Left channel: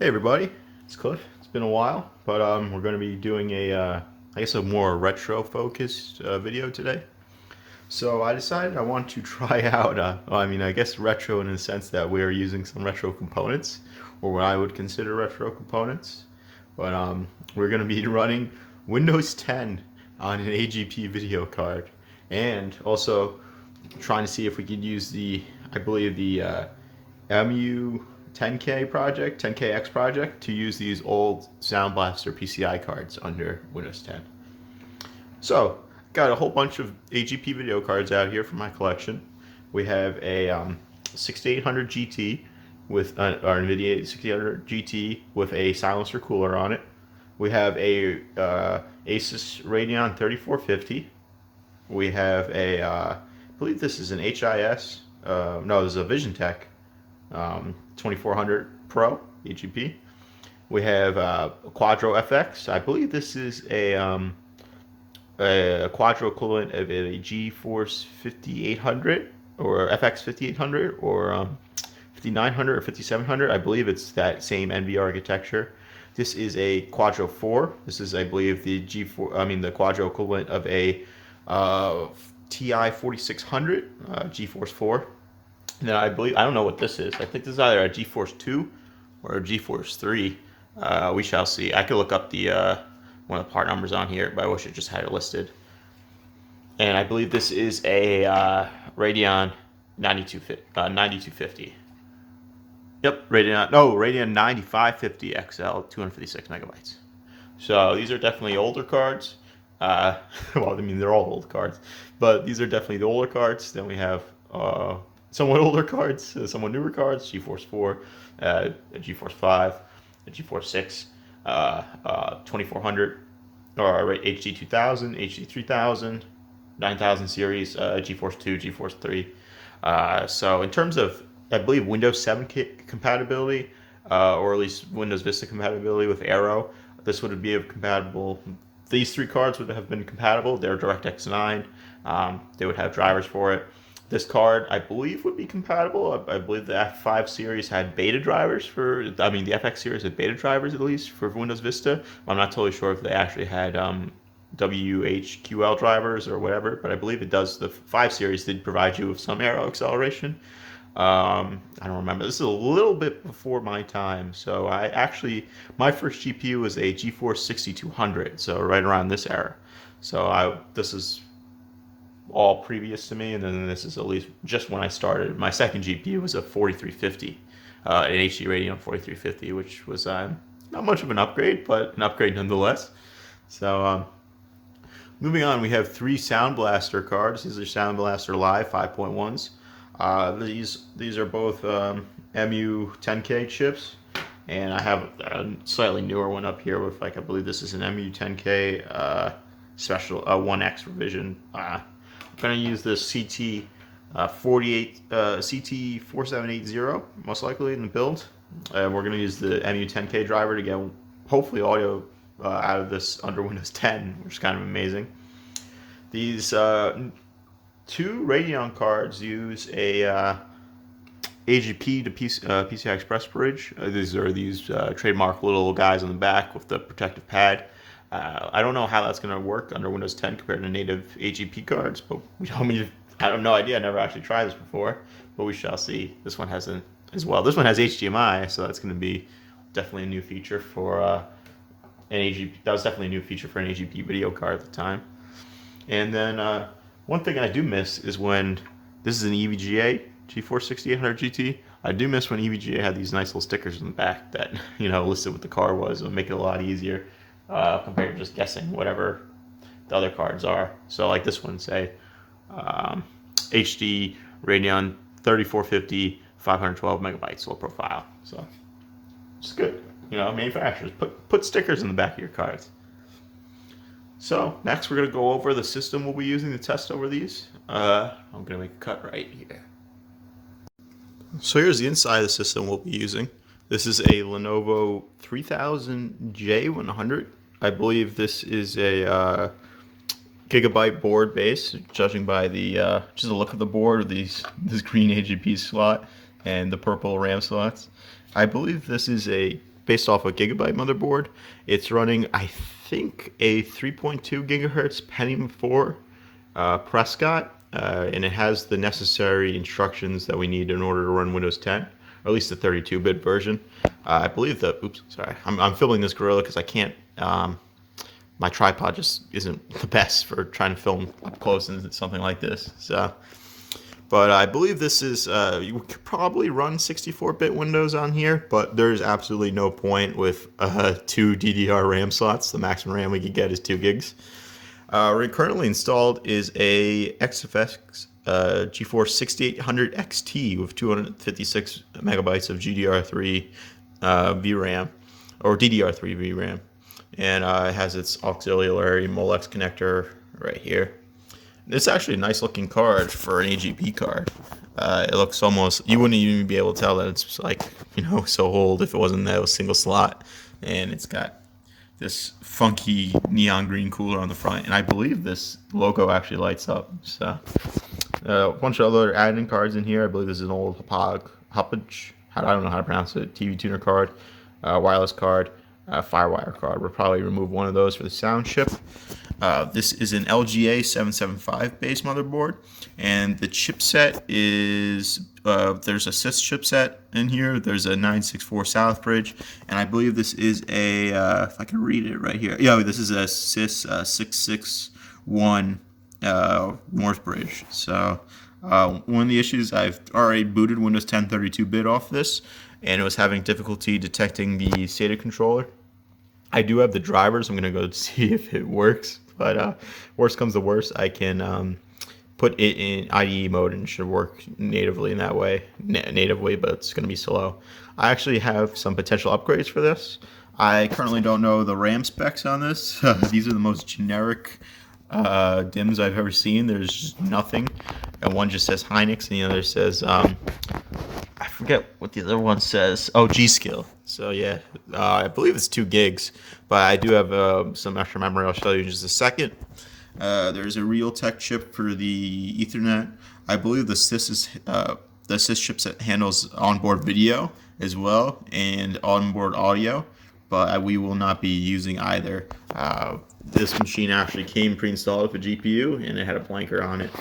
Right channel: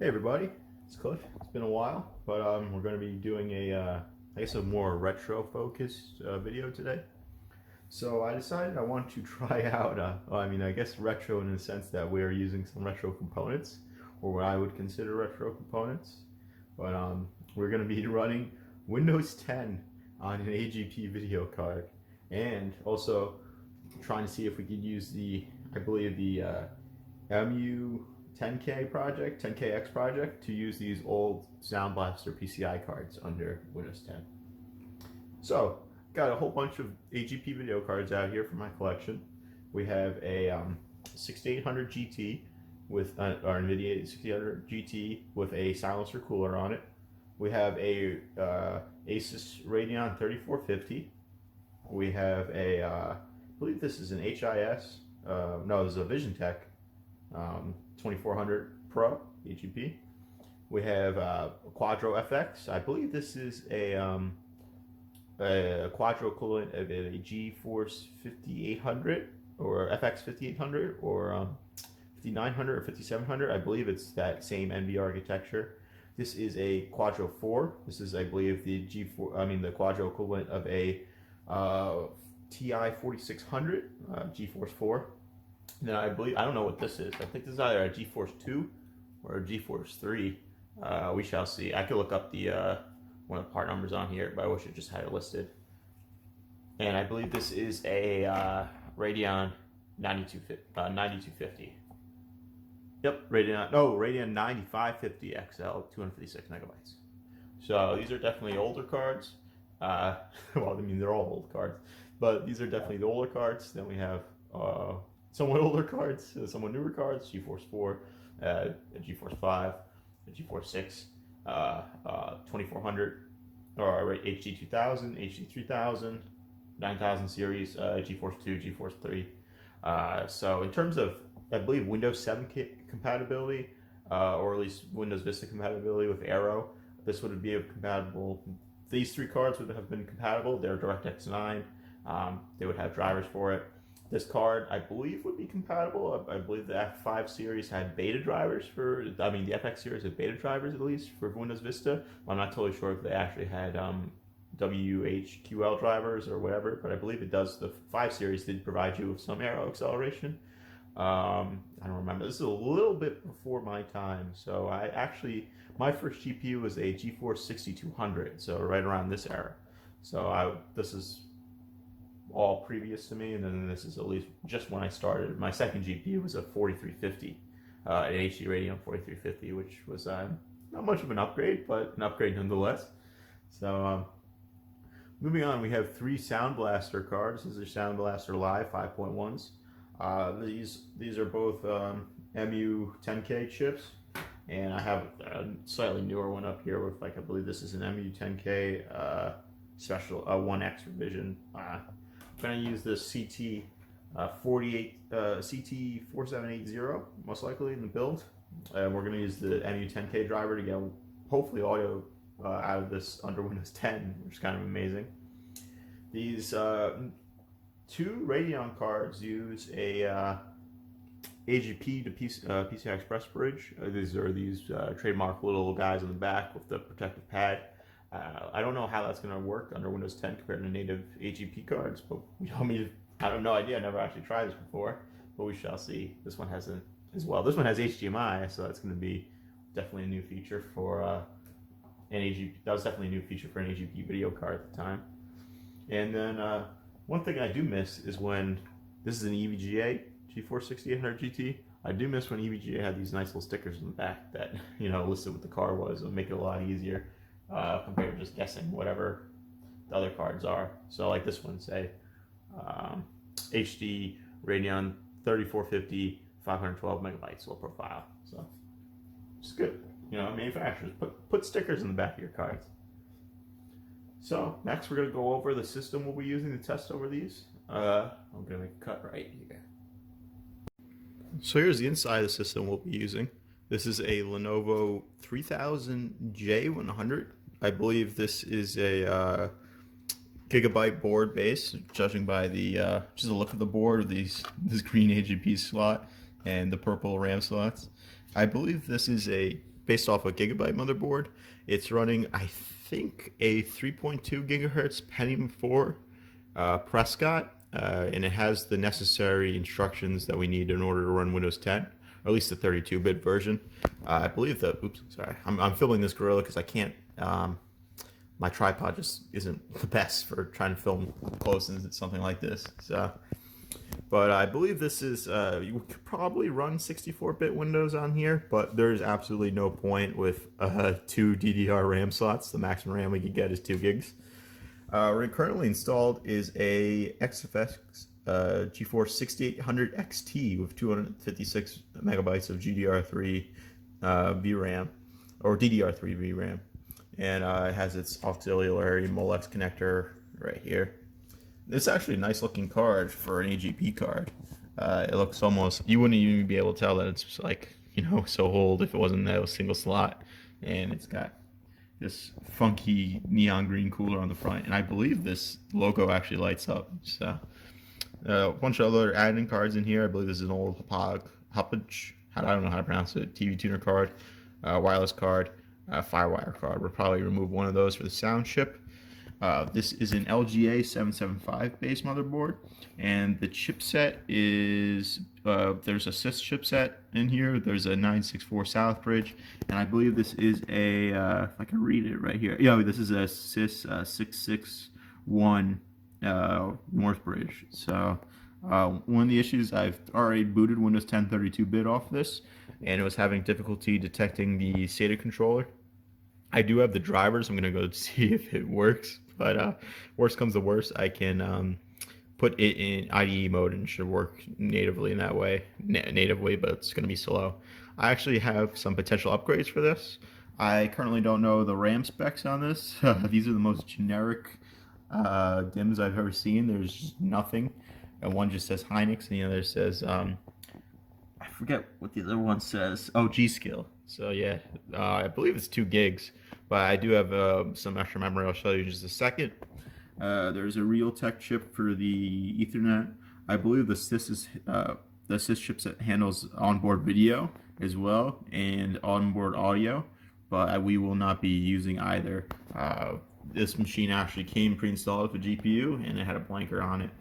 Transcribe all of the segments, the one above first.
Hey everybody, it's Cliff. It's been a while, but we're going to be doing I guess a more retro focused video today. So I decided I want to try out, I guess retro in the sense that we're using some retro components, or what I would consider retro components. But we're going to be running Windows 10 on an AGP video card, and also trying to see if we could use I believe the MU 10K project, 10KX project, to use these old Sound Blaster PCI cards under Windows 10. So, got a whole bunch of AGP video cards out here from my collection. We have a 6800 GT with our NVIDIA 6800 GT with a silencer cooler on it. We have a Asus Radeon 3450. We have I believe this is an HIS. No, this is a VisionTech 2400 Pro AGP. We have a Quadro FX. I believe this is a Quadro equivalent of a GeForce 5800 or FX 5800 or 5900 or 5700. I believe it's that same NV architecture. This is a Quadro 4. This is, I believe, the the Quadro equivalent of a TI 4600 GeForce 4. Then I don't know what this is. I think this is either a GeForce 2 or a GeForce 3. We shall see. I could look up the one of the part numbers on here, but I wish it just had it listed. And I believe this is a Radeon 9250. Yep, Radeon 9550 XL, 256 megabytes. So these are definitely older cards. Well, I mean, they're all old cards, but these are definitely the older cards. Then we have somewhat older cards, somewhat newer cards, GeForce 4, a GeForce 5, a GeForce 6, 2400, or HD 2000, HD 3000, 9000 series, GeForce 2, GeForce 3. So in terms of, I believe, Windows 7 compatibility, or at least Windows Vista compatibility with Aero, this would be compatible. These three cards would have been compatible. They're DirectX 9. They would have drivers for it. This card, I believe, would be compatible. I believe the F5 series had beta drivers the FX series had beta drivers at least for Windows Vista. I'm not totally sure if they actually had WHQL drivers or whatever, but I believe it does. The 5 series did provide you with some Aero acceleration. I don't remember. This is a little bit before my time. So my first GPU was a GeForce 6200, so right around this era. So this is all previous to me, and then this is at least just when I started. My second GPU was a 4350, an HD Radeon 4350, which was not much of an upgrade, but an upgrade nonetheless. So moving on, we have 3 Sound Blaster cards. These are Sound Blaster Live 5.1s. These are both MU 10K chips, and I have a slightly newer one up here with, I believe this is an MU 10K special 1X revision. I'm going to use this CT 4780 most likely in the build. We're going to use the MU 10K driver to get hopefully audio out of this under Windows 10, which is kind of amazing. These 2 Radeon cards use a AGP to PCI Express bridge. These are trademark little guys on the back with the protective pad. I don't know how that's going to work under Windows 10 compared to native AGP cards, but I have no idea. I never actually tried this before, but we shall see. This one has as well. This one has HDMI, so that's going to be definitely a new feature for an AGP. That was definitely a new feature for an AGP video card at the time. And then one thing I do miss is when this is an EVGA GeForce 6800 GT. I do miss when EVGA had these nice little stickers in the back that listed what the card was. It would make it a lot easier compared to just guessing whatever the other cards are. So like this one, say HD Radeon 3450, 512 megabytes low profile. So it's good. Manufacturers put stickers in the back of your cards. So next we're going to go over the system we'll be using to test over these. I'm going to make a cut right here. So here's the inside of the system we'll be using. This is a Lenovo 3000J100. I believe this is a gigabyte board base, judging by just the look of the board with this green AGP slot and the purple RAM slots. I believe this is based off a Gigabyte motherboard. It's running, I think, a 3.2 gigahertz Pentium 4 Prescott, and it has the necessary instructions that we need in order to run Windows 10, or at least the 32-bit version. I believe the, oops, sorry, I'm filming this Gorilla because I can't, my tripod just isn't the best for trying to film up close and something like this. So, but I believe this is, you could probably run 64-bit Windows on here, but there's absolutely no point with 2 DDR RAM slots. The maximum RAM we could get is 2 gigs. Currently installed is a XFX GeForce 6800 XT with 256 megabytes of GDR3 VRAM, or DDR3 VRAM. And it has its auxiliary Molex connector right here. It's actually a nice looking card for an AGP card. It looks almost, you wouldn't even be able to tell that it's like, so old if it wasn't that single slot. And it's got this funky neon green cooler on the front. And I believe this logo actually lights up. So a bunch of other add-in cards in here. I believe this is an old Hoppage, I don't know how to pronounce it, TV tuner card, wireless card, Firewire card. We'll probably remove one of those for the sound chip. This is an LGA 775 base motherboard, and the chipset is, there's a CIS chipset in here, there's a 964 Southbridge, and I believe this is a, if I can read it right here, yeah, this is a CIS 661 Northbridge. So one of the issues, I've already booted Windows 10 32-bit off this, and it was having difficulty detecting the SATA controller. I do have the drivers. I'm going to go see if it works. But worst comes to worst, I can put it in IDE mode and it should work natively in that way. Natively, but it's going to be slow. I actually have some potential upgrades for this. I currently don't know the RAM specs on this. These are the most generic DIMMs I've ever seen. There's just nothing. And one just says Hynix and the other says, I forget what the other one says. Oh, G-Skill. So yeah, I believe it's 2 gigs, but I do have some extra memory. I'll show you in just a second. There's a Realtek chip for the Ethernet. I believe the CIS chipset handles onboard video as well and onboard audio, but we will not be using either. This machine actually came pre-installed with a GPU and it had a blanker on it.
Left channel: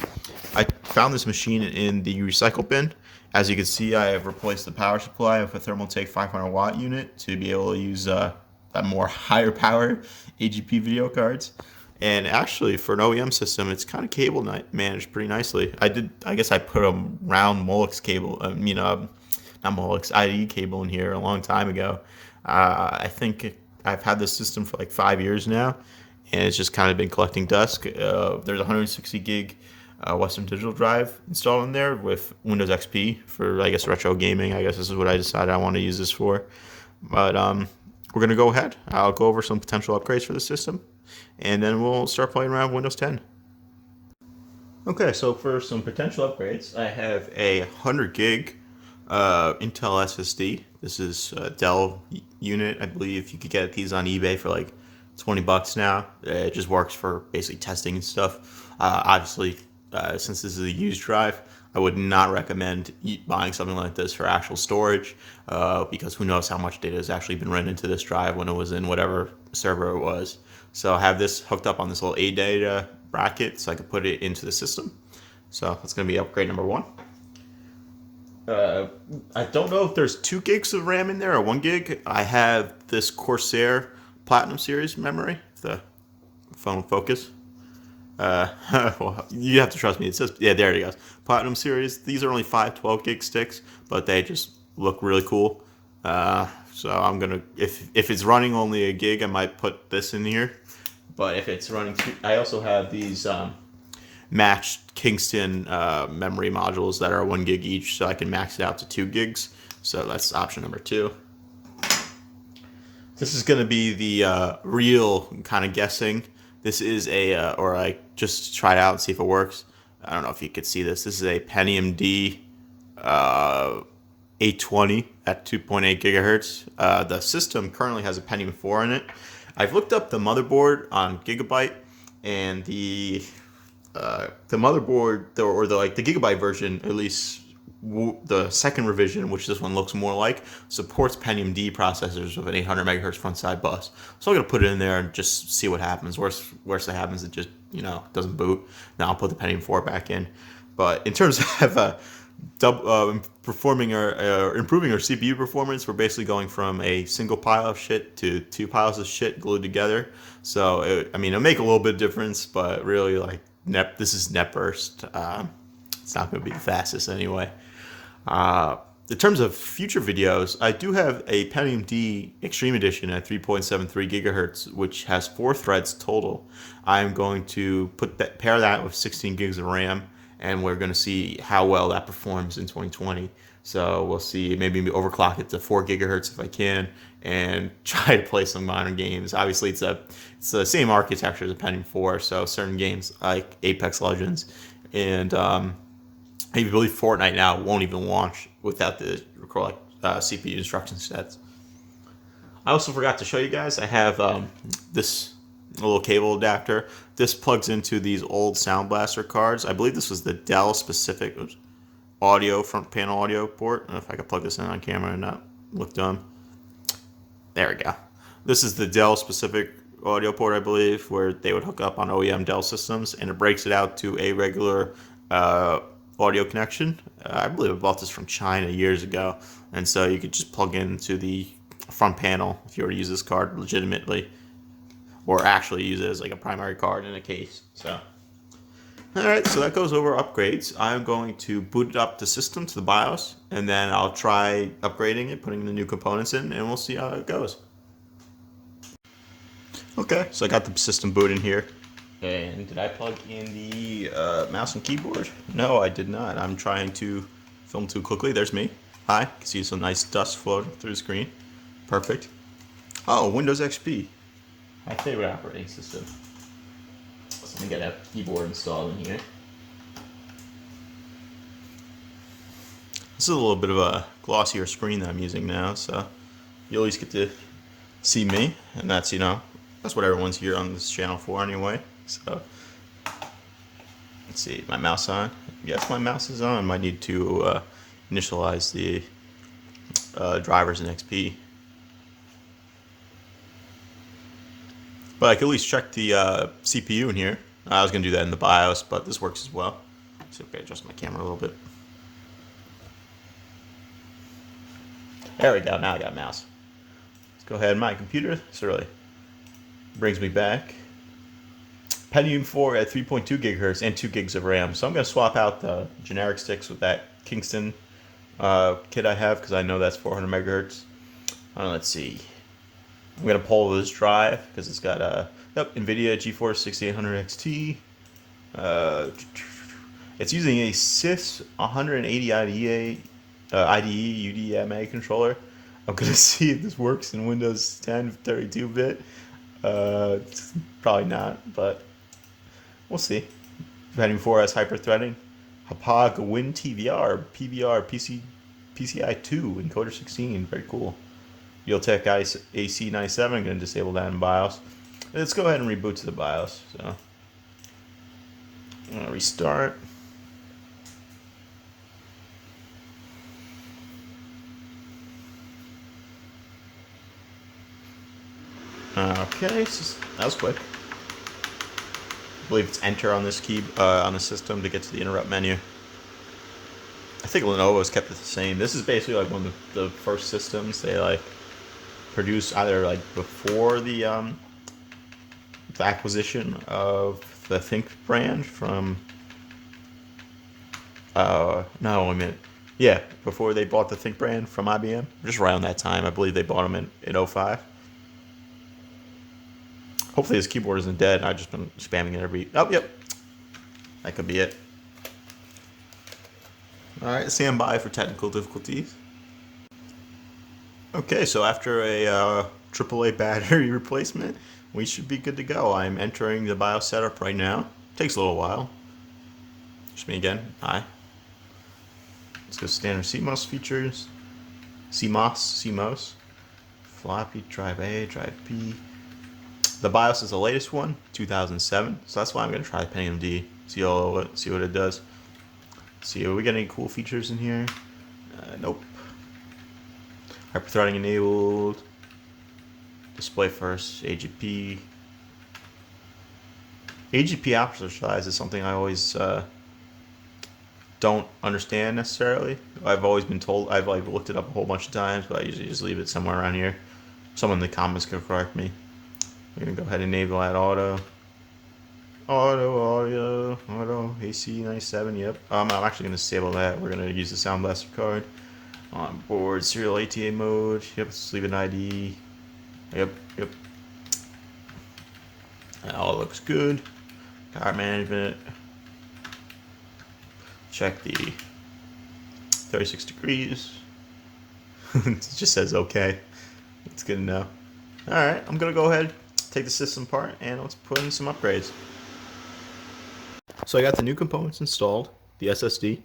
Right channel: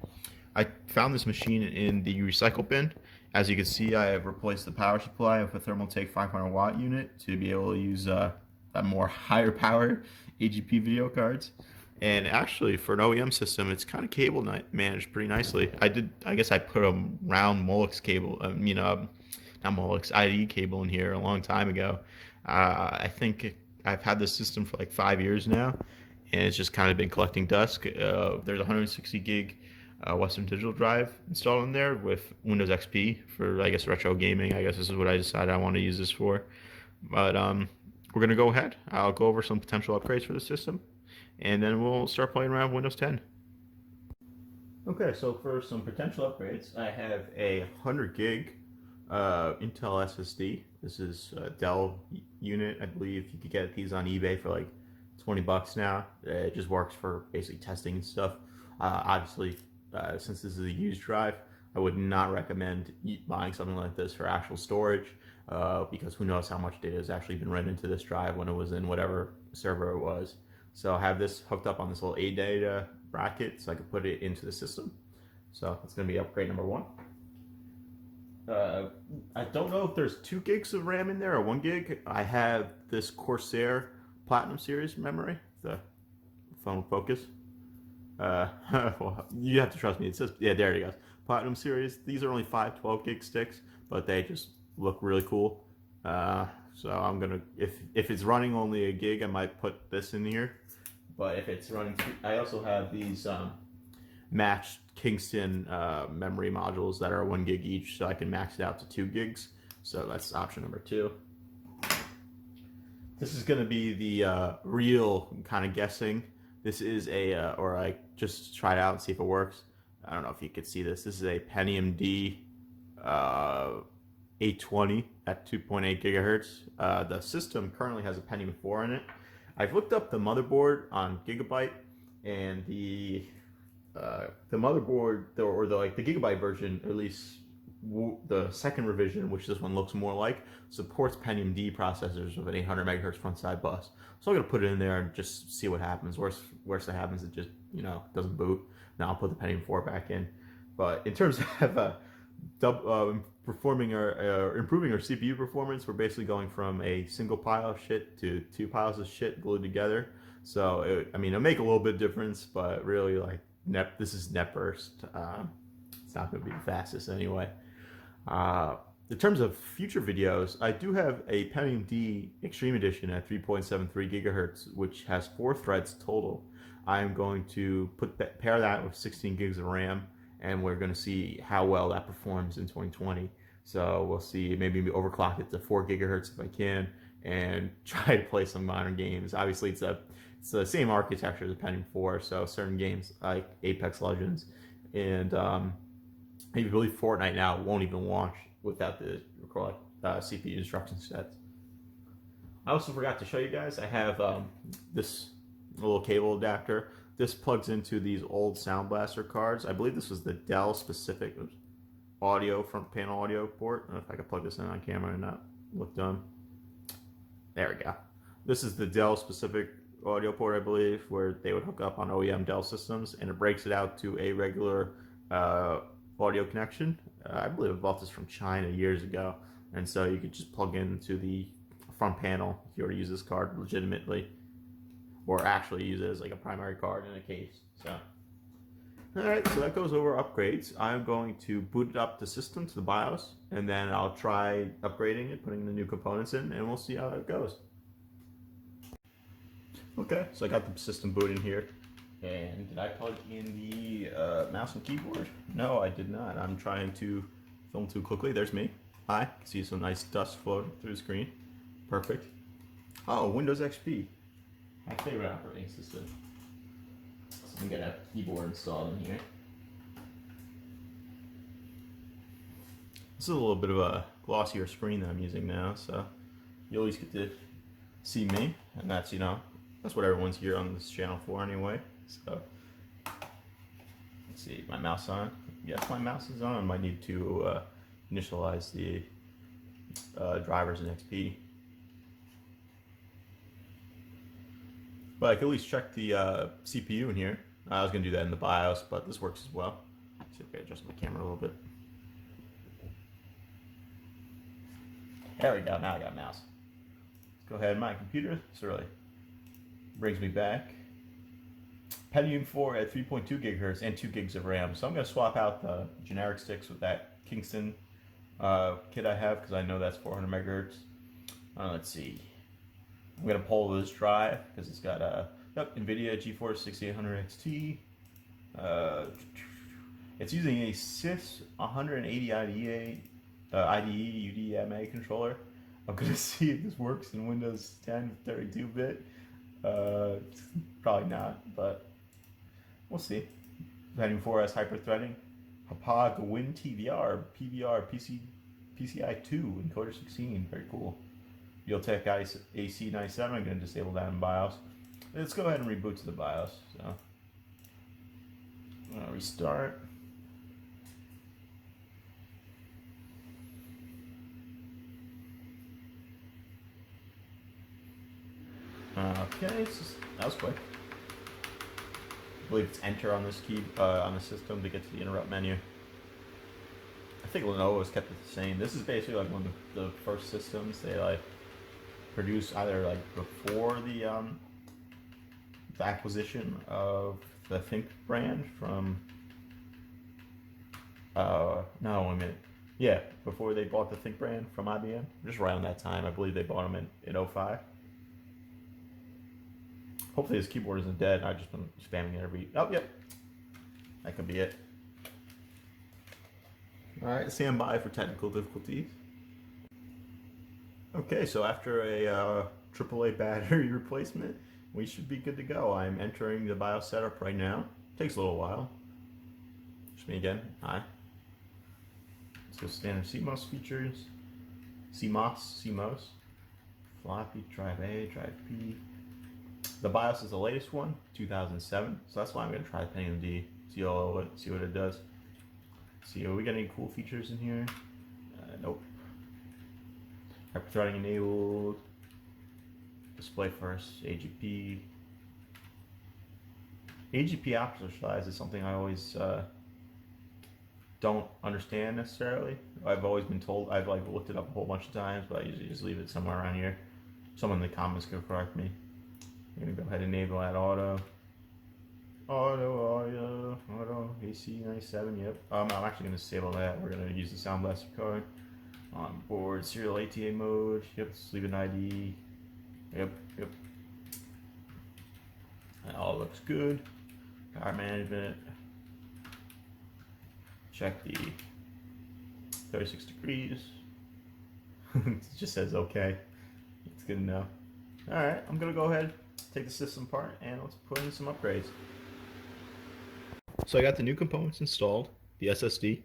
I found this machine in the recycle bin. As you can see, I have replaced the power supply with a Thermaltake 500 watt unit to be able to use a more higher power AGP video cards. And actually, for an OEM system, it's kind of cable managed pretty nicely. I guess I put a round Molex cable, not Molex, IDE cable in here a long time ago. I think I've had this system for like 5 years now, and it's just kind of been collecting dust. There's a 160 gig Western Digital drive installed in there with Windows XP for, I guess, retro gaming. I guess this is what I decided I want to use this for. But we're going to go ahead. I'll go over some potential upgrades for the system, and then we'll start playing around with Windows 10. Okay, so for some potential upgrades, I have a 100 gig Intel SSD. This is a Dell unit. I believe you could get these on eBay for like $20 now. It just works for basically testing and stuff. Obviously, since this is a used drive, I would not recommend buying something like this for actual storage because who knows how much data has actually been written into this drive when it was in whatever server it was. So I have this hooked up on this little ADATA bracket so I could put it into the system. So that's going to be upgrade number 1. I don't know if there's 2 gigs of RAM in there or 1 gig. I have this Corsair Platinum Series memory. If the phone will focus. Well, you have to trust me. It says, yeah, there it goes. Platinum Series. These are only 512 gig sticks, but they just look really cool. So I'm gonna, if it's running only a gig, I might put this in here. But if it's running, I also have these matched Kingston memory modules that are 1 gig each, so I can max it out to 2 gigs. So that's option number 2. This is going to be the real kind of guessing. This is a, or I just try it out and see if it works. I don't know if you could see this. This is a Pentium D 820 at 2.8 gigahertz. The system currently has a Pentium 4 in it. I've looked up the motherboard on Gigabyte, and the motherboard, or the Gigabyte version, at least the second revision, which this one looks more like, supports Pentium D processors with an 800 megahertz front side bus. So I'm gonna put it in there and just see what happens. Worst that happens, it just doesn't boot. Now I'll put the Pentium 4 back in. But in terms of performing or improving our CPU performance, we're basically going from a single pile of shit to two piles of shit glued together. So it'll make a little bit of difference, but really this is net burst. It's not going to be the fastest anyway. In terms of future videos, I do have a Pentium D Extreme Edition at 3.73 gigahertz, which has 4 threads total. I'm going to pair that with 16 gigs of RAM, and we're going to see how well that performs in 2020. So we'll see, maybe overclock it to 4 gigahertz if I can, and try to play some modern games. Obviously, it's the same architecture as a Pentium 4, so certain games like Apex Legends and I believe Fortnite now won't even launch without the CPU instruction sets. I also forgot to show you guys, I have this little cable adapter. This plugs into these old Sound Blaster cards. I believe this was the Dell specific audio, front panel audio port. I don't know if I can plug this in on camera and not look dumb. There we go. This is the Dell specific audio port, I believe, where they would hook up on OEM Dell systems, and it breaks it out to a regular audio connection. I believe I bought this from China years ago, and so you could just plug into the front panel if you were to use this card legitimately, or actually use it as like a primary card in a case. So, all right, so that goes over upgrades. I'm going to boot up the system to the BIOS, and then I'll try upgrading it, putting the new components in, and we'll see how it goes. Okay, so I got the system boot in here. And did I plug in the mouse and keyboard? No, I did not. I'm trying to film too quickly. There's me. Hi. You can see some nice dust floating through the screen. Perfect. Oh, Windows XP. My favorite operating system. So let me get that keyboard installed in here. This is a little bit of a glossier screen that I'm using now, so you at least get to see me, and that's what everyone's here on this channel for anyway. So let's see, my mouse on? Yes, my mouse is on. Might need to initialize the drivers in XP, but I can at least check the CPU in here. I was gonna do that in the BIOS, but this works as well. So okay, adjust my camera a little bit. There we go. Now I got a mouse. Let's go ahead. My computer. This really brings me back. Pentium 4 at 3.2 gigahertz and 2 gigs of RAM. So I'm going to swap out the generic sticks with that Kingston kit I have, because I know that's 400 megahertz. Let's see. I'm going to pull this drive because it's got NVIDIA GeForce 6800 XT. It's using a SIS 180 IDE UDMA controller. I'm going to see if this works in Windows 10 32-bit. Probably not, but we'll see. Pentium 4 has hyper-threading. Hapag WinTVR, PVR, PCI 2, encoder 16, very cool. Realtek AC97, I'm going to disable that in BIOS. Let's go ahead and reboot to the BIOS. So, I'm going to restart. Okay, that was quick. I believe it's enter on this key on the system to get to the interrupt menu. I think Lenovo's kept it the same. This is basically like one of the first systems they produced either before the acquisition of the Think brand from no, wait a minute. Yeah, before they bought the Think brand from IBM. Just around that time, I believe they bought them in 2005. Hopefully this keyboard isn't dead. I've just been spamming it every... Oh, yep. That could be it. Alright, stand by for technical difficulties. Okay, so after a AAA battery replacement, we should be good to go. I'm entering the BIOS setup right now. Takes a little while. Just me again. Hi. Let's go standard CMOS features. CMOS. Floppy, drive A, drive B. The BIOS is the latest one, 2007. So that's why I'm going to try Pentium D. See what it does. See, are we got any cool features in here? Nope. Hyperthreading enabled. Display first. AGP. AGP aperture size is something I always don't understand necessarily. I've always been told, I've like looked it up a whole bunch of times, but I usually just leave it somewhere around here. Someone in the comments can correct me. We're gonna go ahead and enable that auto. Auto, AC 97, yep. I'm actually gonna disable that. We're gonna use the Sound Blaster card. On board, serial ATA mode, yep, let's leave an ID. Yep. That all looks good. Power management. Check the 36 degrees. It just says okay. It's good to know. Alright, I'm gonna go ahead, take the system apart, and let's put in some upgrades. So I got the new components installed, the SSD,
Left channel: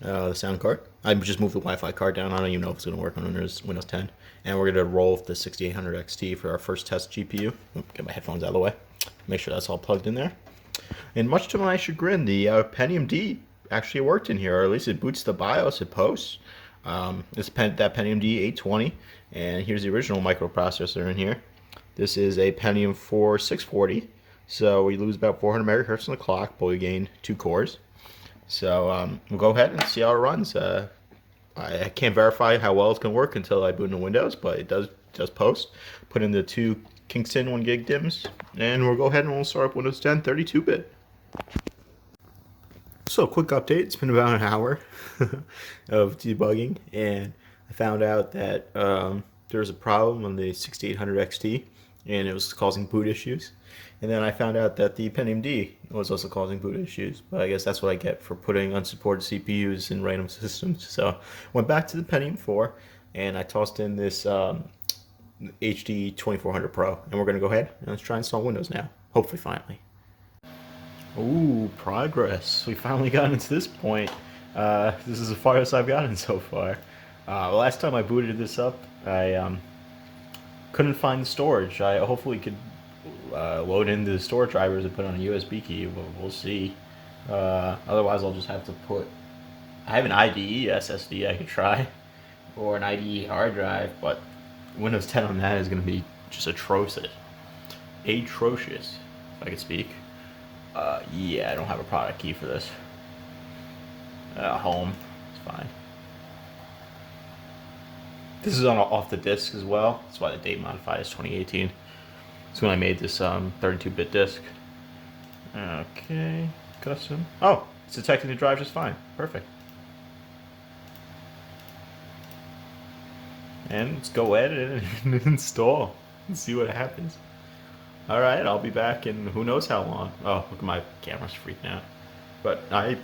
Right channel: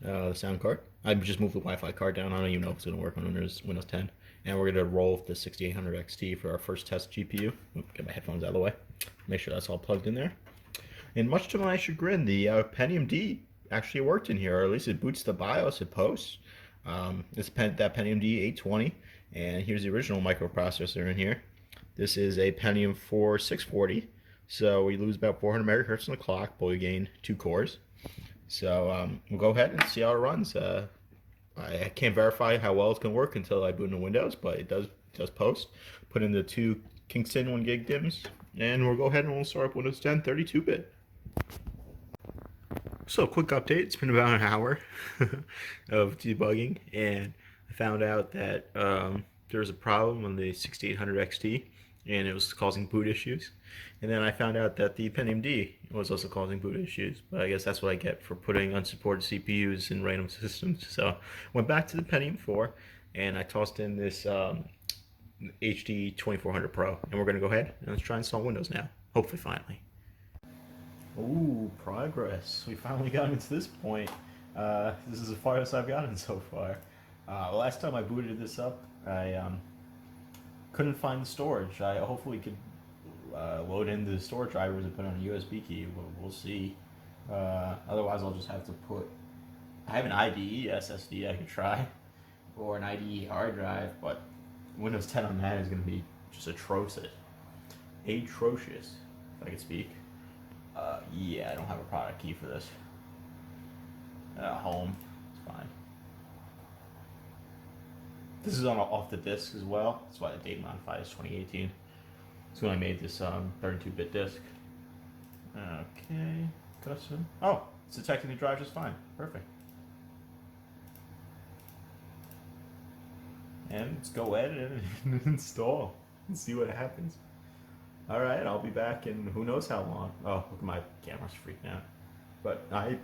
the sound card. I just moved the Wi-Fi card down. I don't even know if it's gonna work on Windows 10. And we're gonna roll the 6800 XT for our first test GPU. Get my headphones out of the way. Make sure that's all plugged in there. And much to my chagrin, the Pentium D actually worked in here, or at least it boots the BIOS, it posts. It's that Pentium D 820, and here's the original microprocessor in here. This is a Pentium 4 640, so we lose about 400 megahertz on the clock, but we gain 2 cores. So we'll go ahead and see how it runs. I can't verify how well it's going to work until I boot into Windows, but it does post. Put in the 2 Kingston 1 gig DIMMs, and we'll go ahead and we'll start up Windows 10 32-bit. So, quick update. It's been about an hour of debugging, and I found out that there was a problem on the 6800 XT, and it was causing boot issues. And then I found out that the Pentium D was also causing boot issues, but I guess that's what I get for putting unsupported CPUs in random systems. So, went back to the Pentium 4, and I tossed in this HD 2400 Pro, and we're going to go ahead and let's try and install Windows now. Hopefully, finally. Ooh, progress. We finally got into this point. This is the farthest I've gotten so far. Last time I booted this up, I couldn't find the storage. I hopefully could load in the storage drivers and put on a USB key, but we'll see. Otherwise, I'll just have to put... I have an IDE SSD I could try, or an IDE hard drive, but Windows 10 on that is going to be just atrocious. Atrocious, if I could speak. Yeah, I don't have a product key for this. Home, it's fine. This is on off the disk as well. That's why the date modified is 2018. That's when I made this 32-bit disk. Okay, custom. Oh, it's detecting the drive just fine. Perfect. And let's go edit and install and see what happens. Alright, I'll be back in who knows how long. Oh, look at my camera's freaking out. But I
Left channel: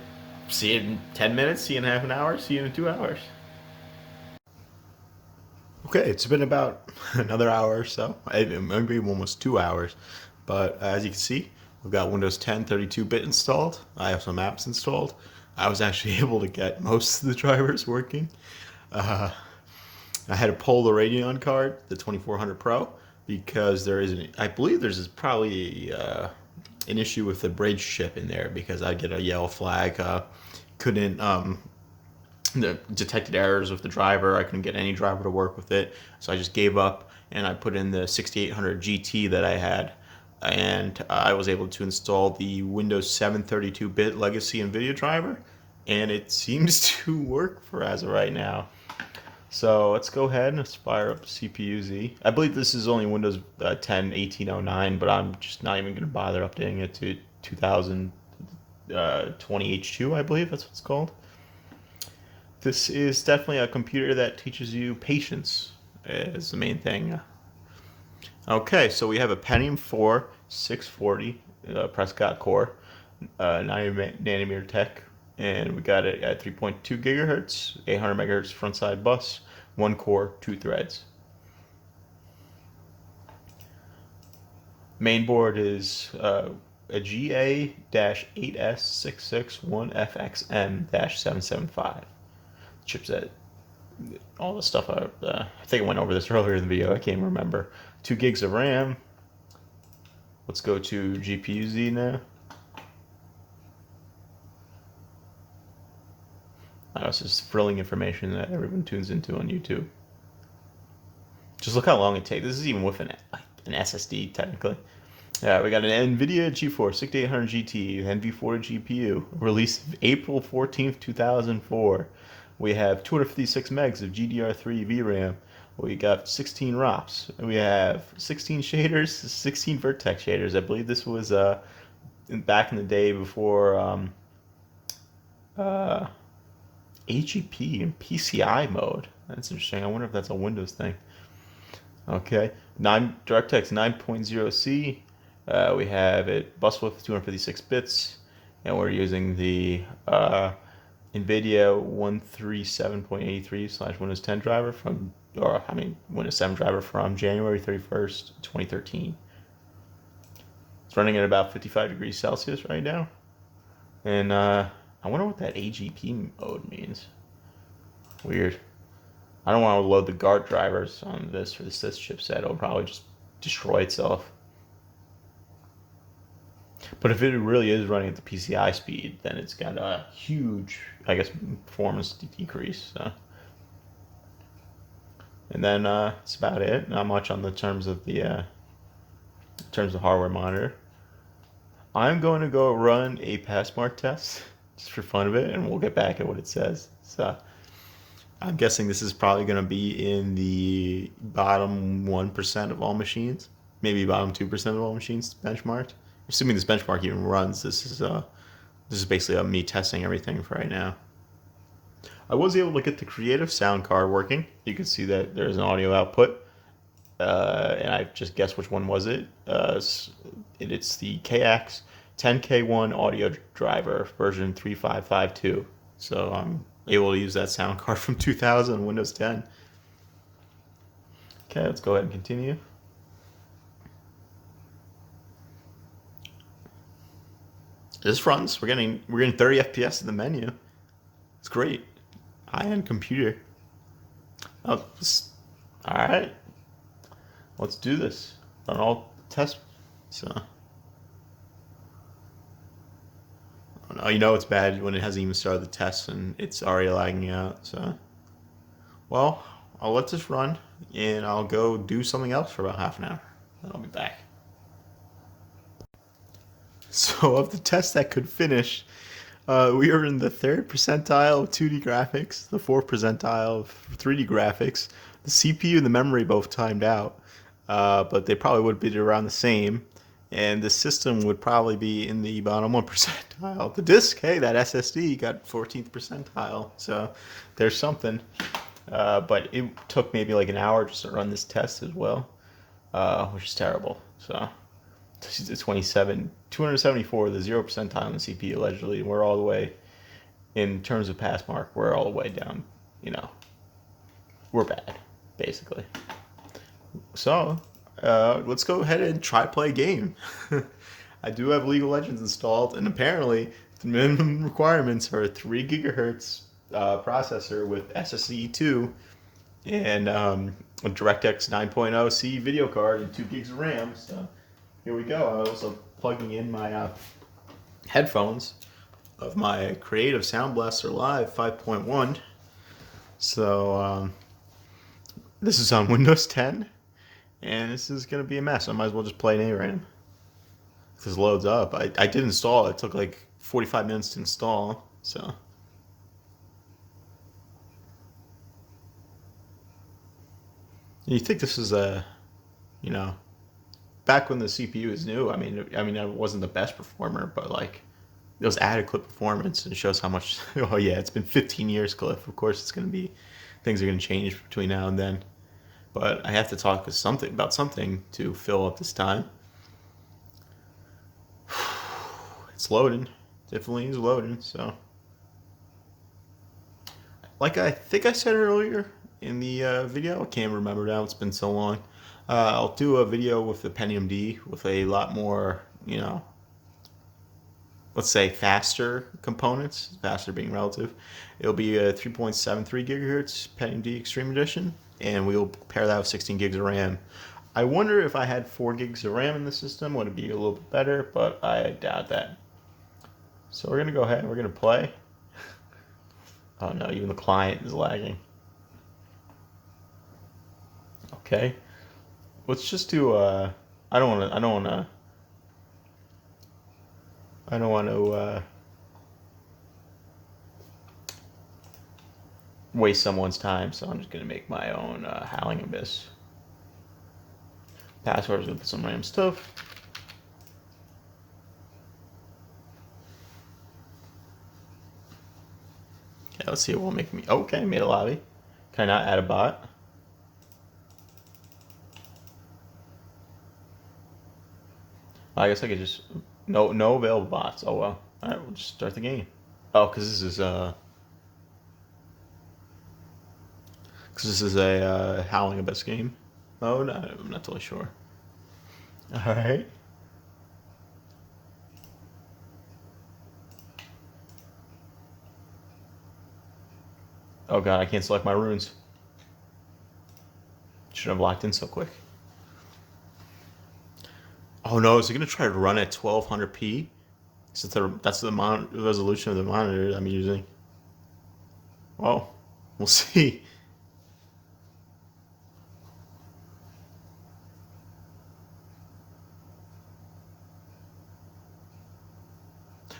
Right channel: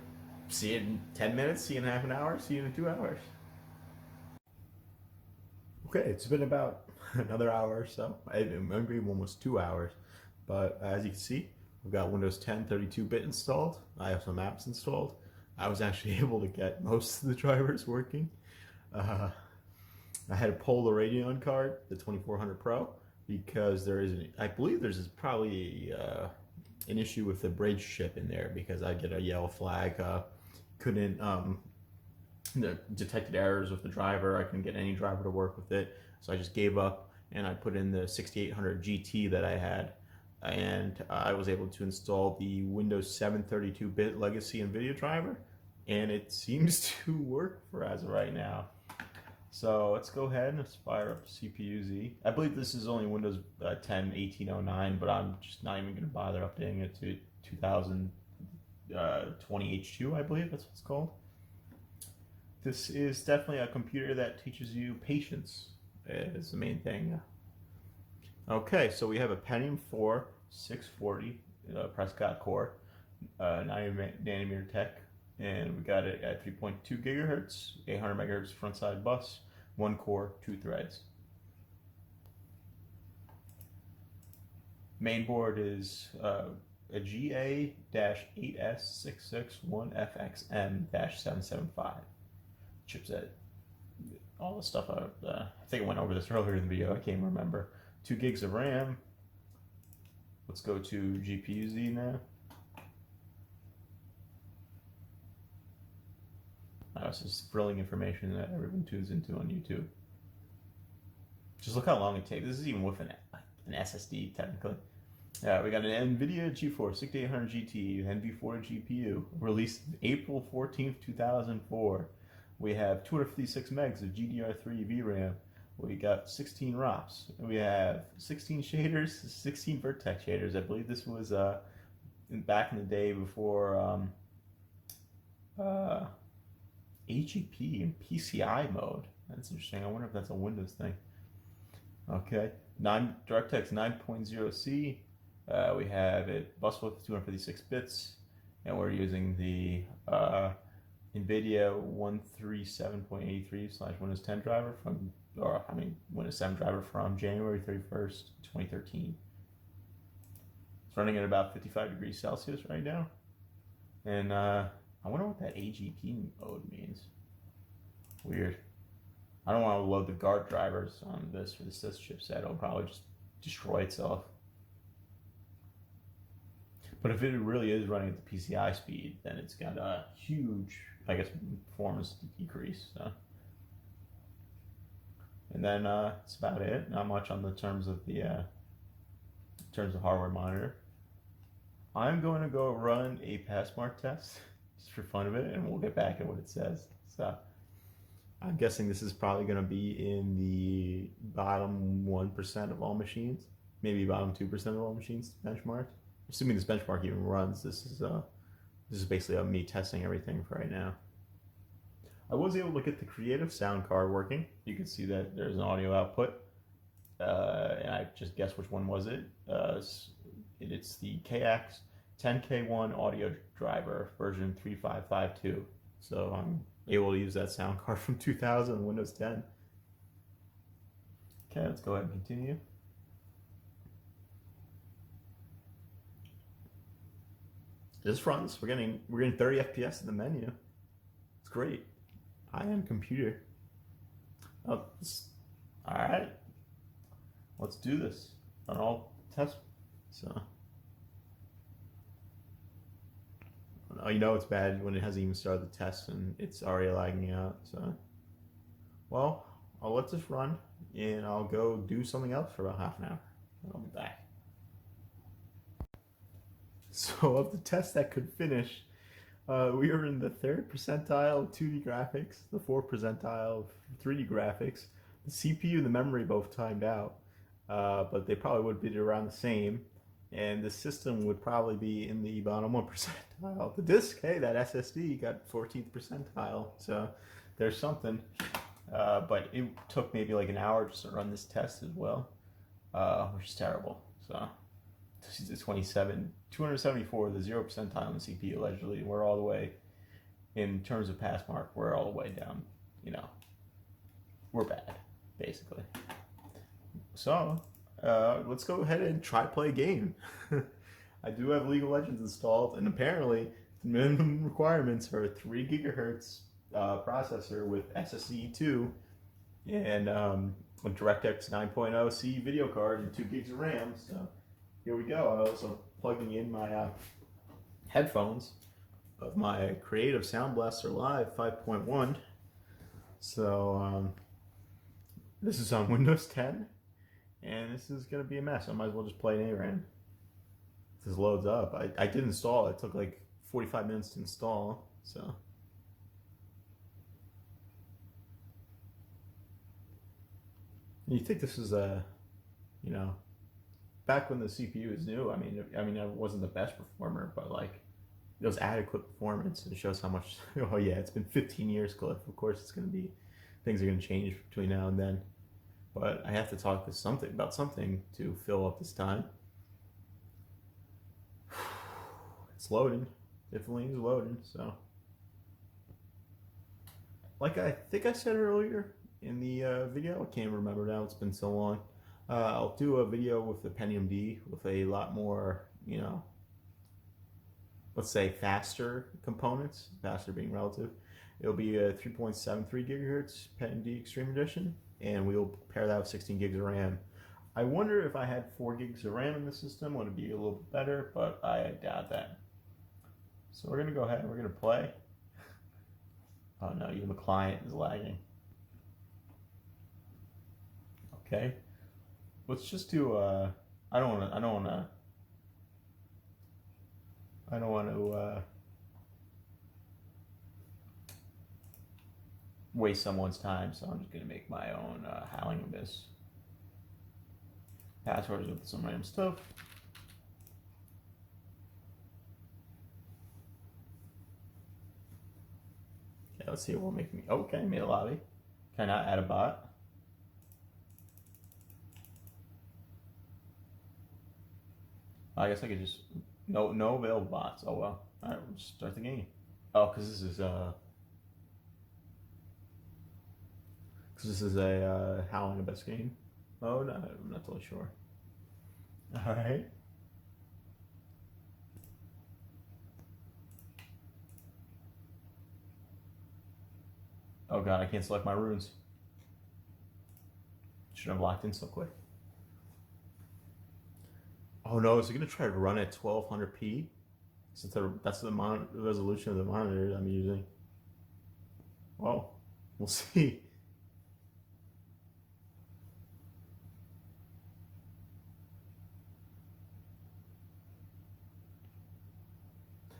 see it in 10 minutes, see it in half an hour, see it in 2 hours. Okay, it's been about another hour or so. Maybe almost 2 hours. But as you can see, we've got Windows 10 32-bit installed. I have some apps installed. I was actually able to get most of the drivers working. I had to pull the Radeon card, the 2400 Pro, because I believe there's probably an issue with the bridge chip in there, because I get a yellow flag. Couldn't detected errors with the driver. I couldn't get any driver to work with it, so I just gave up and I put in the 6800 GT that I had, and I was able to install the Windows 7 32-bit legacy NVIDIA driver, and it seems to work for as of right now. So let's go ahead and fire up CPU-Z. I believe this is only Windows 10 1809, but I'm just not even going to bother updating it to 2020 H2, I believe that's what it's called. This is definitely a computer that teaches you patience, is the main thing. Okay, so we have a Pentium 4 640 Prescott core, 90 nanometer tech. And we got it at 3.2 gigahertz, 800 megahertz front side bus, 1 core, 2 threads. Main board is a GA-8S661FXM-775. Chipset, all the stuff. I think I went over this earlier in the video. I can't remember. 2 gigs of RAM. Let's go to GPU-Z now. it's just thrilling information that everyone tunes into on YouTube. Just look how long it takes. This is even with an SSD, technically. Yeah, we got an NVIDIA GeForce 6800 GT, NV40 GPU, released April 14th, 2004. We have 256 megs of GDR3 VRAM. We got 16 ROPs. We have 16 shaders, 16 vertex shaders. I believe this was back in the day before AGP and PCI mode. That's interesting. I wonder if that's a Windows thing. Okay, DirectX 9.0C. We have it bus width 256 bits, and we're using the NVIDIA 137.83/Windows 10 driver Windows 7 driver from January 31st, 2013. It's running at about 55 degrees Celsius right now, and I wonder what that AGP mode means. Weird. I don't want to load the guard drivers on this for the sys chipset. It'll probably just destroy itself. But if it really is running at the PCI speed, then it's got a huge, I guess, performance decrease. So. And then that's about it. Not much on the terms of the hardware monitor. I'm going to go run a Passmark test just for fun of it, and we'll get back at what it says. So. I'm guessing this is probably going to be in the bottom 1% of all machines, maybe bottom 2% of all machines benchmarked. Assuming this benchmark even runs, this is basically me testing everything for right now. I was able to get the Creative sound card working. You can see that there's an audio output, and I just guessed which one was it. It's the KX 10K1 audio driver version 3552. So I'm able to use that sound card from 2000 on Windows 10. Okay, let's go ahead and continue. This runs. We're getting 30 FPS in the menu. It's great. High-end computer. Oh, all right. Let's do this. Run all tests. So. Oh, you know it's bad when it hasn't even started the test and it's already lagging out. So, well, I'll let this run and I'll go do something else for about half an hour. Then I'll be back. So, of the tests that could finish, we are in the 3rd percentile of 2D graphics, the 4th percentile of 3D graphics. The CPU and the memory both timed out, but they probably would be around the same. And the system would probably be in the bottom 1 percentile. The disk, hey, that SSD got 14th percentile, so there's something. But it took maybe like an hour just to run this test as well, which is terrible. So it's 274, the 0 percentile on the CPU allegedly, and we're all the way, in terms of Passmark, we're all the way down. We're bad, basically. So. Let's go ahead and try to play a game. I do have League of Legends installed, and apparently the minimum requirements are a 3 gigahertz processor with SSD2 and a DirectX 9.0C video card and 2 gigs of RAM. So here we go. I'm also plugging in my headphones of my Creative Sound Blaster Live 5.1. So this is on Windows 10. And this is going to be a mess. I might as well just play an ARAM. If this loads up. I did install it. It took like 45 minutes to install. So. You think this is back when the CPU was new, I mean it wasn't the best performer, but like it was adequate performance, and it shows how much, oh yeah, it's been 15 years, Cliff. Of course it's going to be, things are going to change between now and then. But I have to talk about something to fill up this time. It's loading. Definitely is loading. So, like I think I said earlier in the video, I can't remember now. It's been so long. I'll do a video with the Pentium D with a lot more, let's say faster components. Faster being relative. It'll be a 3.73 gigahertz Pentium D Extreme Edition. And we'll pair that with 16 gigs of RAM. I wonder if I had 4 gigs of RAM in the system, would it be a little bit better, but I doubt that. So we're going to go ahead and we're going to play. Oh no, even the client is lagging. Okay. Let's just do I don't wanna waste someone's time, so I'm just gonna make my own Howling Abyss. Passwords with some random stuff. Okay, let's see what will make me. Okay, made a lobby. Can I not add a bot? I guess I could just no available bots. Oh well. All right, we'll just start the game. Oh, because this is a Howling Abyss game. Oh no, I'm not totally sure. All right. Oh god, I can't select my runes. Shouldn't have locked in so quick. Oh no, is it gonna try to run at 1200p? Since that's the resolution of the monitor I'm using. Well, we'll see.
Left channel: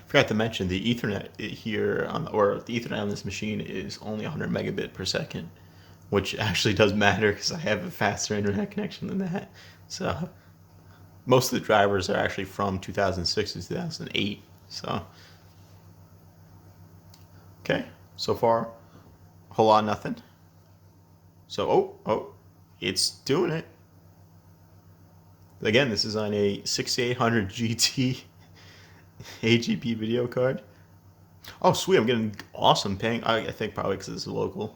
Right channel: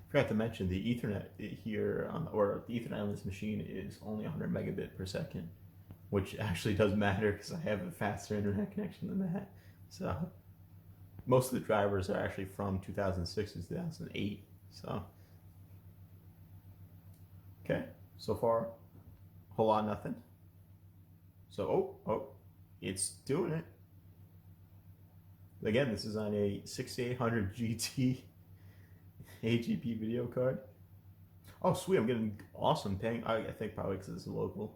Forgot to mention the Ethernet here or the Ethernet on this machine is only 100 megabit per second, which actually does matter because I have a faster internet connection than that. So most of the drivers are actually from 2006 to 2008. So okay, so far a whole lot of nothing. So it's doing it. Again, this is on a 6800 GT AGP video card. Oh, sweet. I'm getting awesome ping. I think probably because it's local.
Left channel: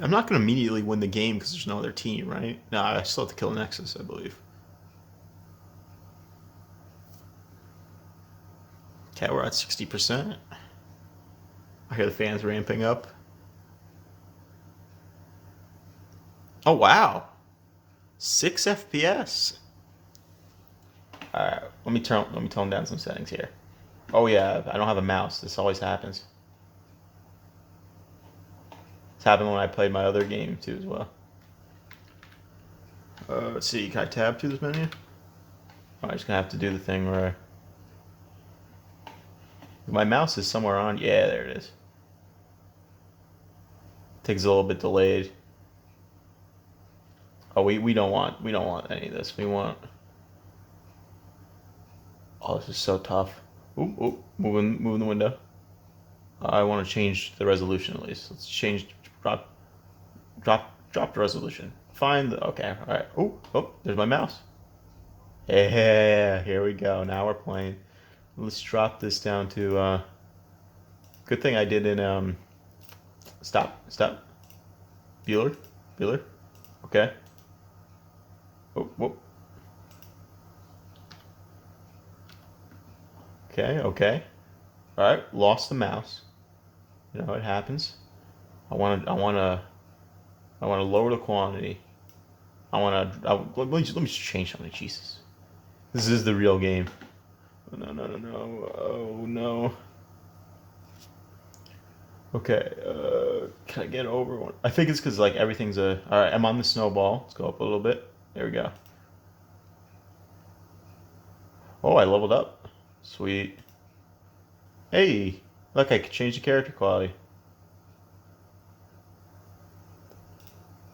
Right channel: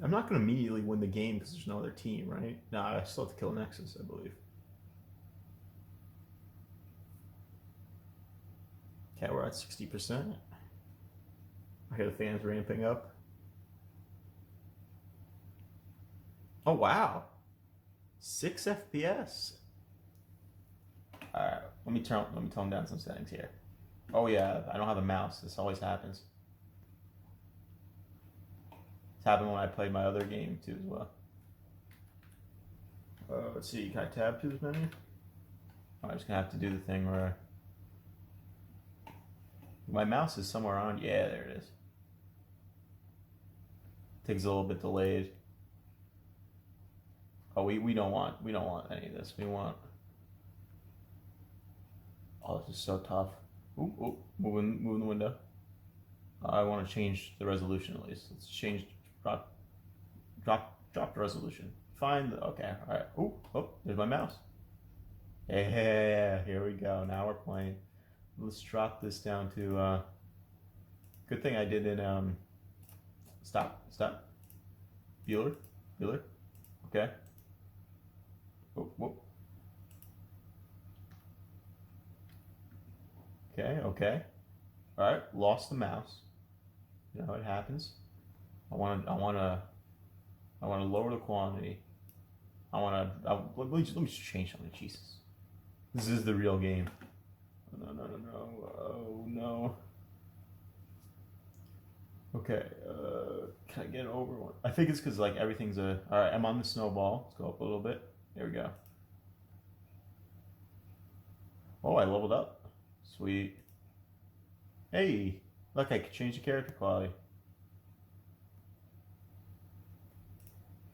I'm not going to immediately win the game because there's no other team, right? No, I still have to kill a Nexus, I believe. Okay, we're at 60%. I hear the fans ramping up. Oh, wow. 6 FPS. All right, let me tone down some settings here. Oh yeah, I don't have a mouse. This always happens. It's happened when I played my other game too as well. Let's see, can I tab to this menu? Oh, I'm just gonna have to do the thing where my mouse is somewhere on. Yeah, there it is. Takes a little bit delayed. Oh, we don't want any of this. We want. Oh, this is so tough. Ooh, moving the window. I want to change the resolution at least. Let's change drop the resolution. Find the okay. All right. Oh, there's my mouse. Yeah, here we go. Now we're playing. Let's drop this down to. Good thing I did in stop. Bueller. Okay. Oh. Okay. All right, lost the mouse. You know it happens. I want to lower the quantity. Let me just change something. Jesus, this is the real game. No. Oh no. Okay. Can I get over one? I think it's because like everything's a. All right, I'm on the snowball. Let's go up a little bit. There we go. Oh, I leveled up. Sweet. Hey, look, I could change the character quality.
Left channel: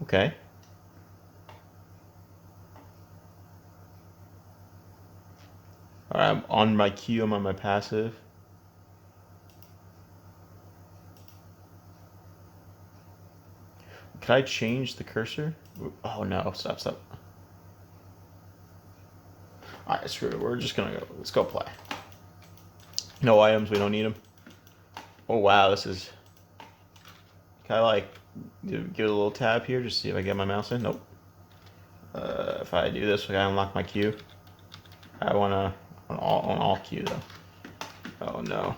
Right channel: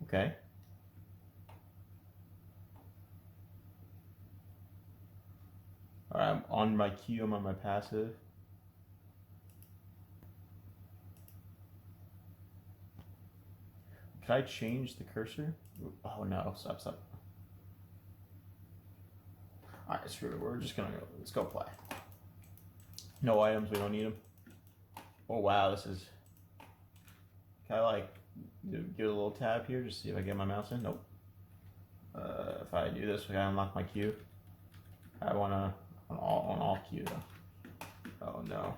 Okay. Alright, I'm on my Q, I'm on my passive. Could I change the cursor? Oh no, stop. Alright, screw it, we're just gonna go, let's go play. No items, we don't need them. Oh wow, this is... Can I like, give it a little tab here, just see if I get my mouse in? Nope. If I do this, I unlock my Q. I wanna, on all Q though. Oh no.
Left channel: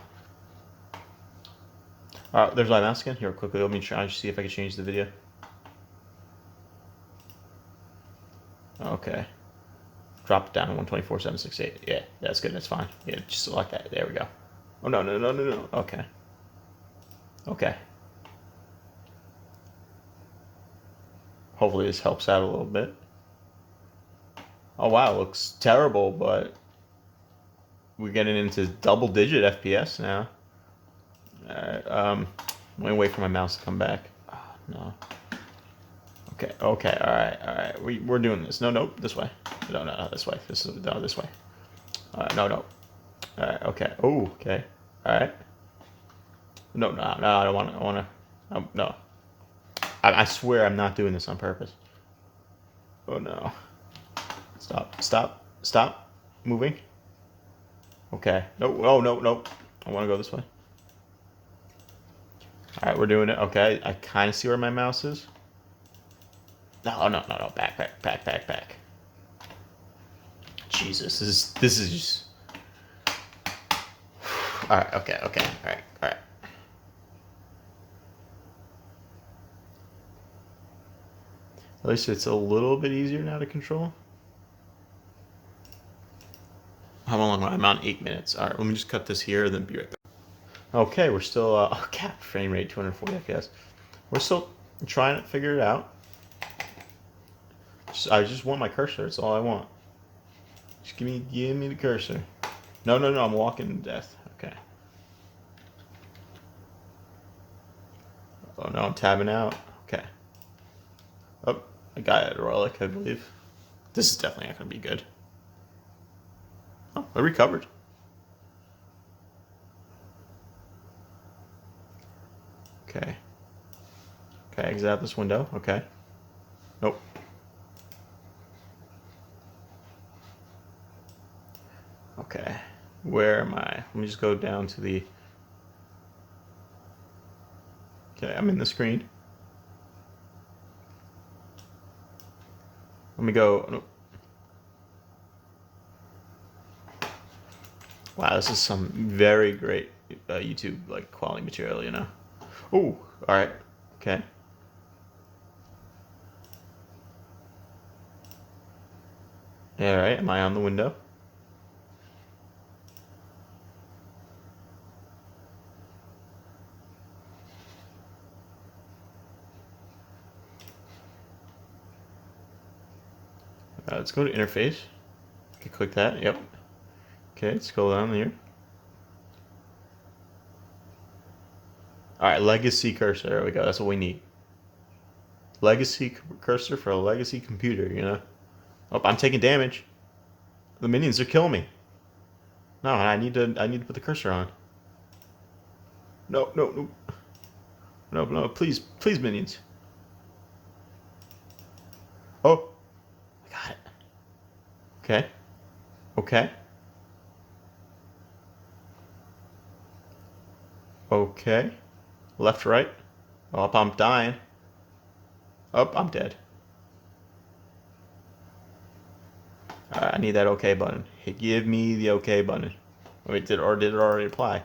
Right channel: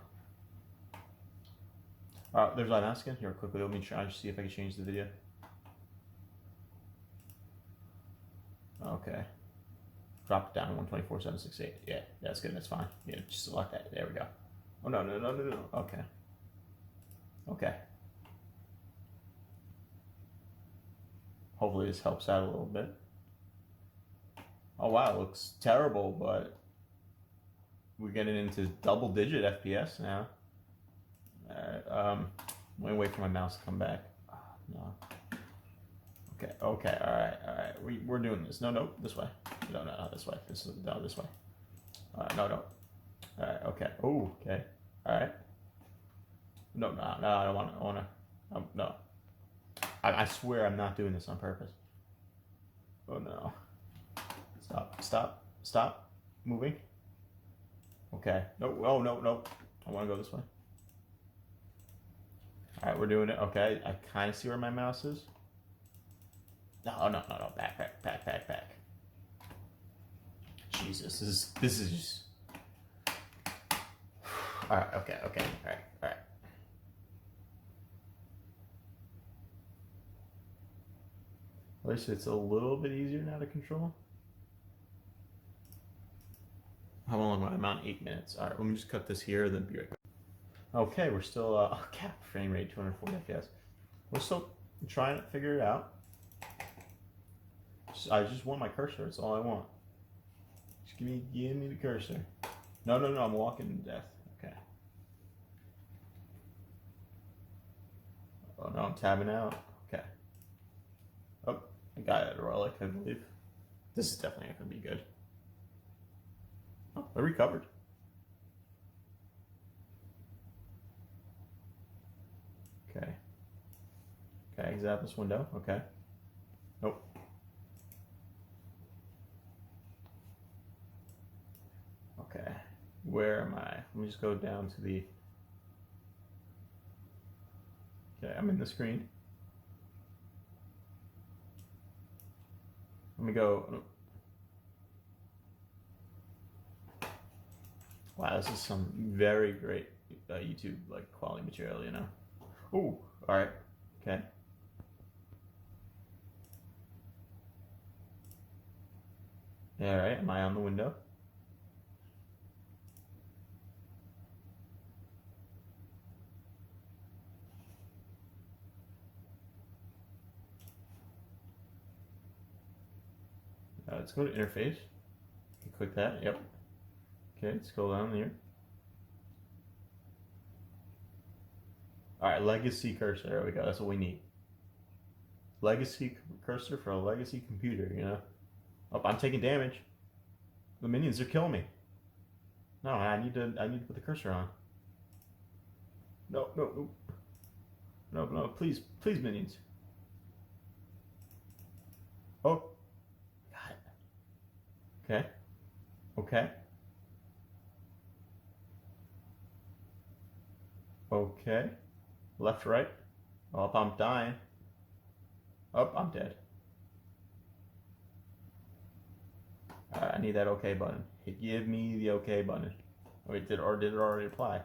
Alright, there's my mouse again. Here, quickly, let me try and see if I can change the video. Okay. Drop it down to 124.768. Yeah, that's good. That's fine. Yeah, just select that. There we go. Oh, no, no, no, no, no. Okay. Okay. Hopefully this helps out a little bit. Oh, wow. It looks terrible, but we're getting into double-digit FPS now. All right. I'm going to wait for my mouse to come back. Oh, no. Okay. Okay. All right. All right. We're doing this. No, no. This way. No, no, no. This way. No, this way. All right. No, no. All right. Okay. Oh, okay. All right. No, no, no. I don't want to. I want to. No. I swear I'm not doing this on purpose. Oh, no. Stop. Stop. Stop. Moving. Okay. No. Oh, no, no. I want to go this way. All right. We're doing it. Okay. I kind of see where my mouse is. No, no, no, no. Back, back, back, back, back. Jesus. This is just... All right. Okay. Okay. All right. All right. At least it's a little bit easier now to control. How long am I? I'm on 8 minutes. All right, let me just cut this here, then be right back. Okay, we're still cap frame rate 240 FPS. We're still trying to figure it out. I just want my cursor. That's all I want. Just give me the cursor. No, no, no. I'm walking to death. Okay. Oh no, I'm tabbing out. Okay. Oh, I got a relic, I believe. This is definitely not gonna be good. Oh, I recovered. Okay. Okay, exit out this window. Okay. Nope. Okay. Where am I? Let me just go down to the... Okay, I'm in the screen. Let me go... Nope. Wow, this is some very great YouTube like quality material, you know. Oh, all right, okay. All right, am I on the window? Let's go to interface. Okay, click that. Yep. Okay, scroll down here. All right, legacy cursor. There we go. That's what we need. Legacy cursor for a legacy computer, you know. Oh, I'm taking damage. The minions are killing me. No, I need to put the cursor on. No, no, no. No, no, please, please, minions. Oh, I got it. Okay. Okay. Okay. Left, right. Oh, I'm dying. Oh, I'm dead. Alright, I need that OK button. Give me the OK button. Wait, did it already apply?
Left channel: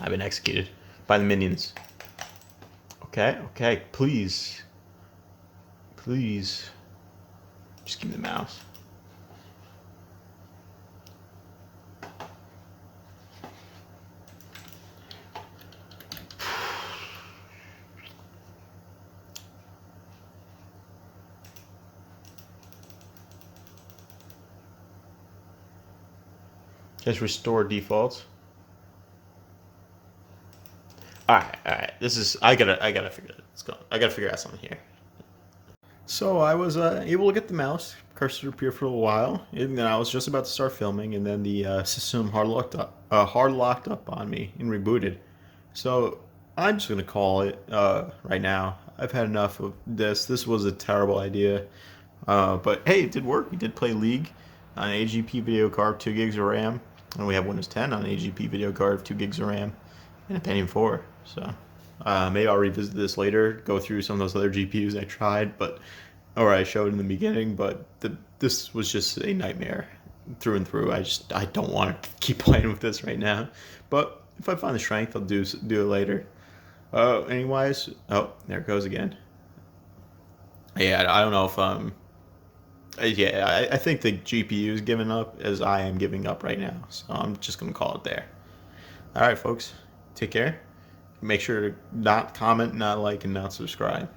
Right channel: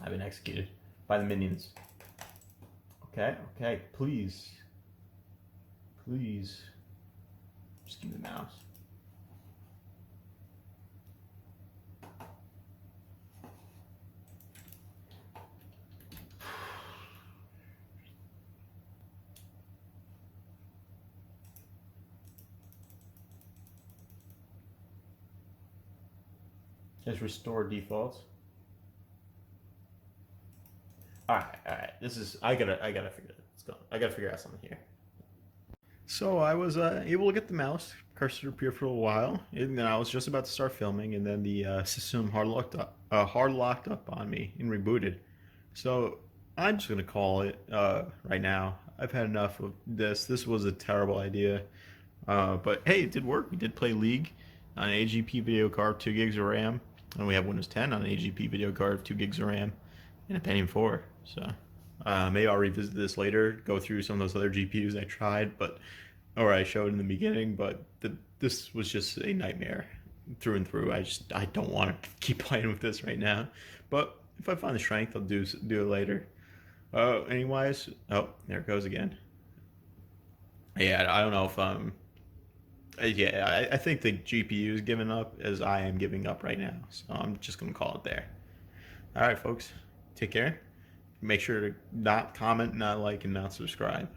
I've been executed by the minions. Okay, okay, please. Please. Just give me the mouse. Just restore defaults. All right. This is I gotta figure it. Let's go. I gotta figure out something here. So I was able to get the mouse cursor to appear for a while, and then I was just about to start filming, and then the system hard locked up on me and rebooted. So I'm just gonna call it right now. I've had enough of this. This was a terrible idea, but hey, it did work. We did play League on an AGP video card, 2 gigs of RAM, and we have Windows 10 on an AGP video card of 2 gigs of RAM, and a Pentium 4. So maybe I'll revisit this later, go through some of those other GPUs I tried, or I showed in the beginning, but this was just a nightmare through and through. I don't want to keep playing with this right now, but if I find the strength, I'll do it later. Anyways, oh, there it goes again. Yeah, I don't know if Yeah, I think the GPU is giving up as I am giving up right now. So I'm just going to call it there. All right, folks. Take care. Make sure to not comment, not like, and not subscribe.